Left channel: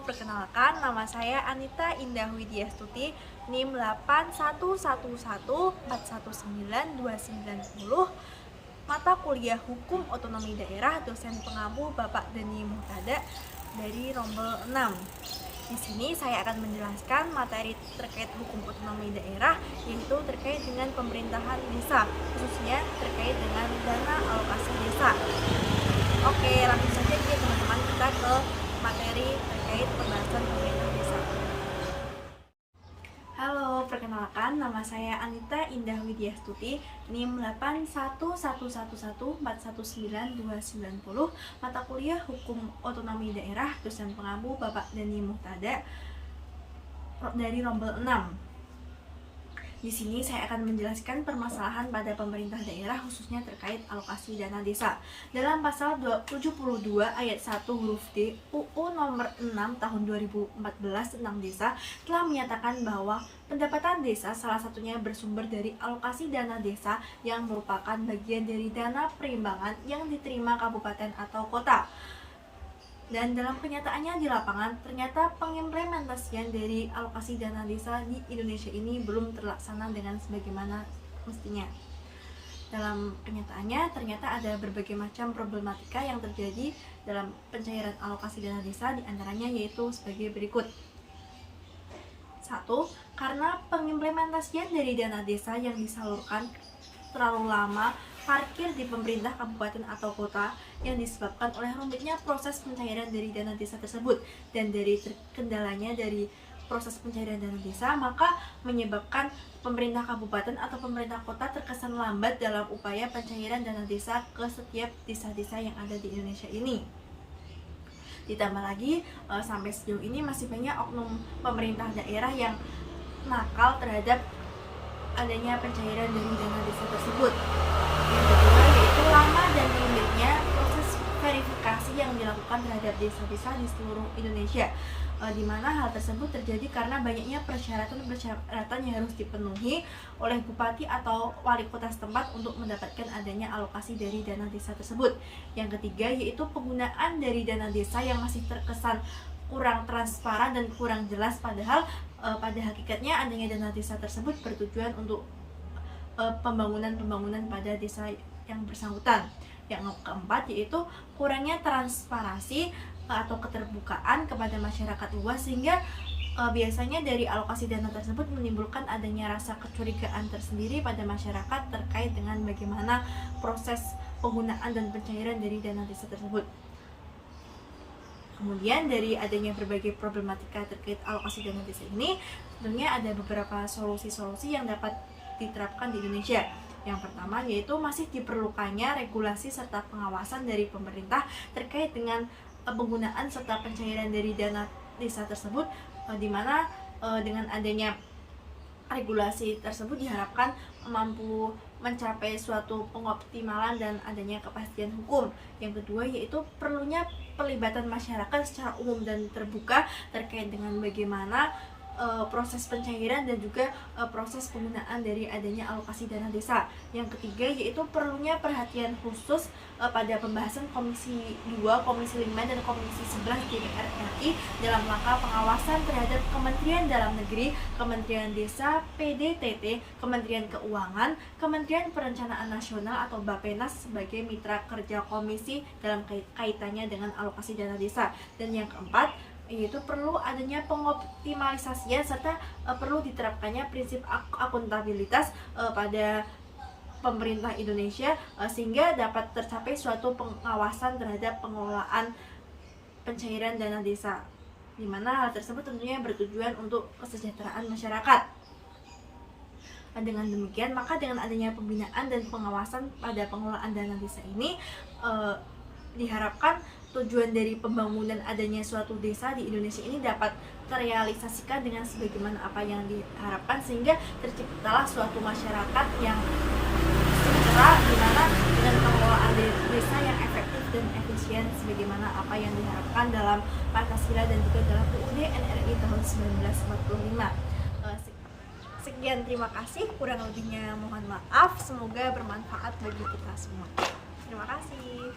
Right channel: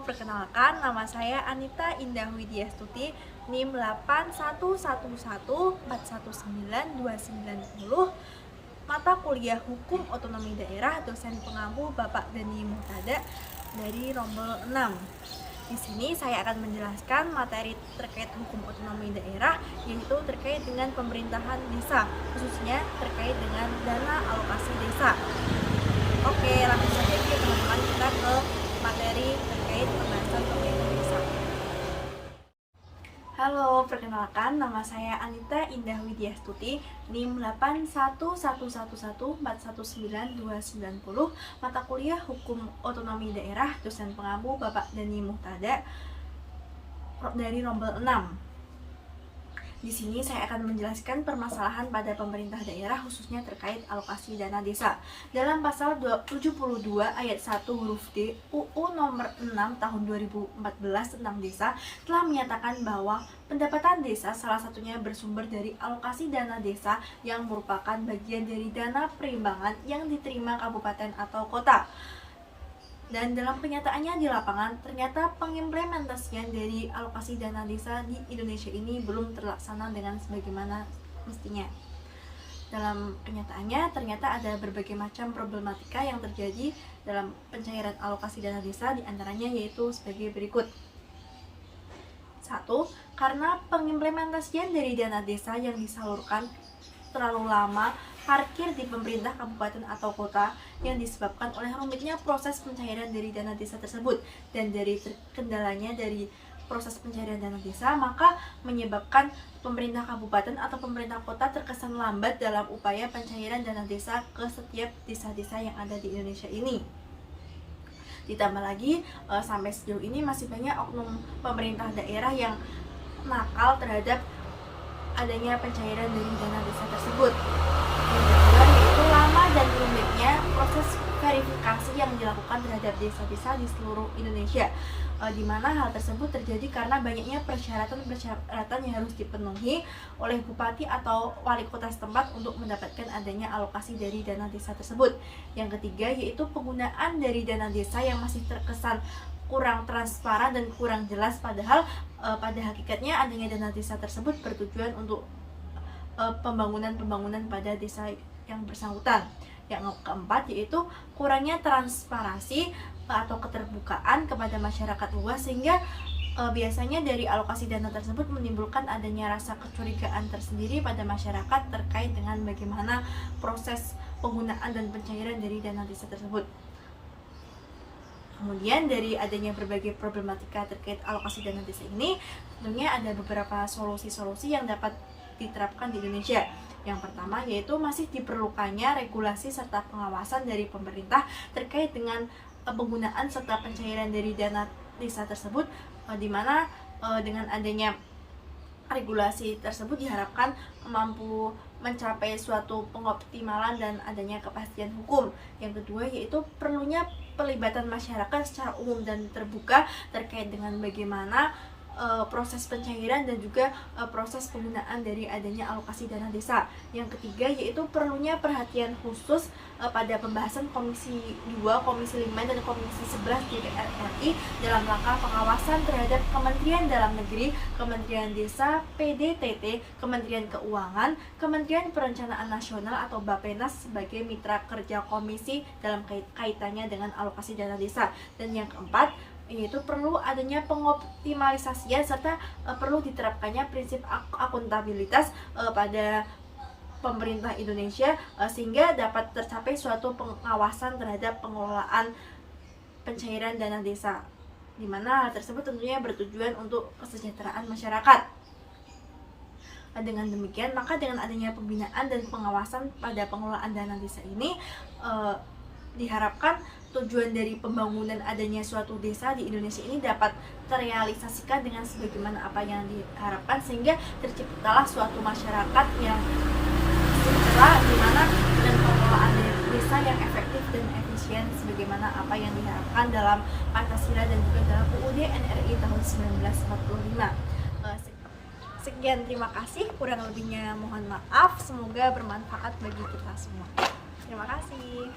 perkenalkan nama saya Anita Indah Widyastuti, NIM 8111419290, mata kuliah Hukum Otonomi Daerah, dosen pengampu Bapak Dani Muhtada dari Rombel 6. Di sini saya akan menjelaskan materi terkait hukum otonomi daerah, yaitu terkait dengan pemerintahan desa, khususnya terkait dengan dana alokasi desa. Oke, langsung saja ya teman-teman, kita ke materi terkait pembahasan pemerintah desa. Halo, perkenalkan nama saya Anita Indah Widyastuti, NIM 8111419290, mata kuliah Hukum Otonomi Daerah, dosen pengampu Bapak Dani Muhtada dari Rombel 6. Di sini saya akan menjelaskan permasalahan pada pemerintah daerah khususnya terkait alokasi dana desa. Dalam pasal 72 ayat 1 huruf D UU nomor 6 tahun 2014 tentang desa telah menyatakan bahwa pendapatan desa salah satunya bersumber dari alokasi dana desa yang merupakan bagian dari dana perimbangan yang diterima kabupaten atau kota. Dan dalam kenyataannya di lapangan, ternyata pengimplementasian dari alokasi dana desa di Indonesia ini belum terlaksana dengan sebagaimana mestinya. Dalam kenyataannya, ternyata ada berbagai macam problematika yang terjadi dalam pencairan alokasi dana desa, diantaranya yaitu sebagai berikut. 1. Karena pengimplementasian dari dana desa yang disalurkan terlalu lama parkir di pemerintah kabupaten atau kota yang disebabkan oleh rumitnya proses pencairan dari dana desa tersebut, dan dari kendalanya dari proses pencairan dana desa maka menyebabkan pemerintah kabupaten atau pemerintah kota terkesan lambat dalam upaya pencairan dana desa ke setiap desa-desa yang ada di Indonesia ini. Ditambah lagi sampai sejauh ini masih banyak oknum pemerintah daerah yang nakal terhadap adanya pencairan dari dana desa tersebut. Yang kedua yaitu lama dan rumitnya proses verifikasi yang dilakukan terhadap desa-desa di seluruh Indonesia, di mana hal tersebut terjadi karena banyaknya persyaratan yang harus dipenuhi oleh bupati atau wali kota setempat untuk mendapatkan adanya alokasi dari dana desa tersebut. Yang ketiga yaitu penggunaan dari dana desa yang masih terkesan kurang transparan dan kurang jelas, padahal pada hakikatnya adanya dana desa tersebut bertujuan untuk pembangunan pada desa yang bersangkutan. Yang keempat yaitu kurangnya transparansi atau keterbukaan kepada masyarakat luas, sehingga biasanya dari alokasi dana tersebut menimbulkan adanya rasa kecurigaan tersendiri pada masyarakat terkait dengan bagaimana proses penggunaan dan pencairan dari dana desa tersebut. Kemudian dari adanya berbagai problematika terkait alokasi dana desa ini, tentunya ada beberapa solusi-solusi yang dapat diterapkan di Indonesia. Yang pertama yaitu masih diperlukannya regulasi serta pengawasan dari pemerintah terkait dengan penggunaan serta pencairan dari dana desa tersebut, di mana dengan adanya regulasi tersebut diharapkan mampu mencapai suatu pengoptimalan dan adanya kepastian hukum. Yang kedua yaitu perlunya pelibatan masyarakat secara umum dan terbuka terkait dengan bagaimana proses pencairan dan juga proses penggunaan dari adanya alokasi dana desa. Yang ketiga yaitu perlunya perhatian khusus pada pembahasan Komisi 2, Komisi 5, dan Komisi 11 DPR RI dalam langkah pengawasan terhadap Kementerian Dalam Negeri, Kementerian Desa, PDTT, Kementerian Keuangan, Kementerian Perencanaan Nasional atau Bappenas sebagai mitra kerja komisi dalam kaitannya dengan alokasi dana desa. Dan yang keempat yaitu perlu adanya pengoptimalisasian serta perlu diterapkannya prinsip akuntabilitas pada pemerintah Indonesia, sehingga dapat tercapai suatu pengawasan terhadap pengelolaan pencairan dana desa, di mana hal tersebut tentunya bertujuan untuk kesejahteraan masyarakat. Dengan demikian maka dengan adanya pembinaan dan pengawasan pada pengelolaan dana desa ini diharapkan tujuan dari pembangunan adanya suatu desa di Indonesia ini dapat terrealisasikan dengan sebagaimana apa yang diharapkan, sehingga terciptalah suatu masyarakat yang sejahtera, di mana dengan pengelolaan desa yang efektif dan efisien sebagaimana apa yang diharapkan dalam Pancasila dan juga dalam UUD NRI tahun 1945. Sekian, terima kasih. Kurang lebihnya mohon maaf. Semoga bermanfaat bagi kita semua. Terima kasih.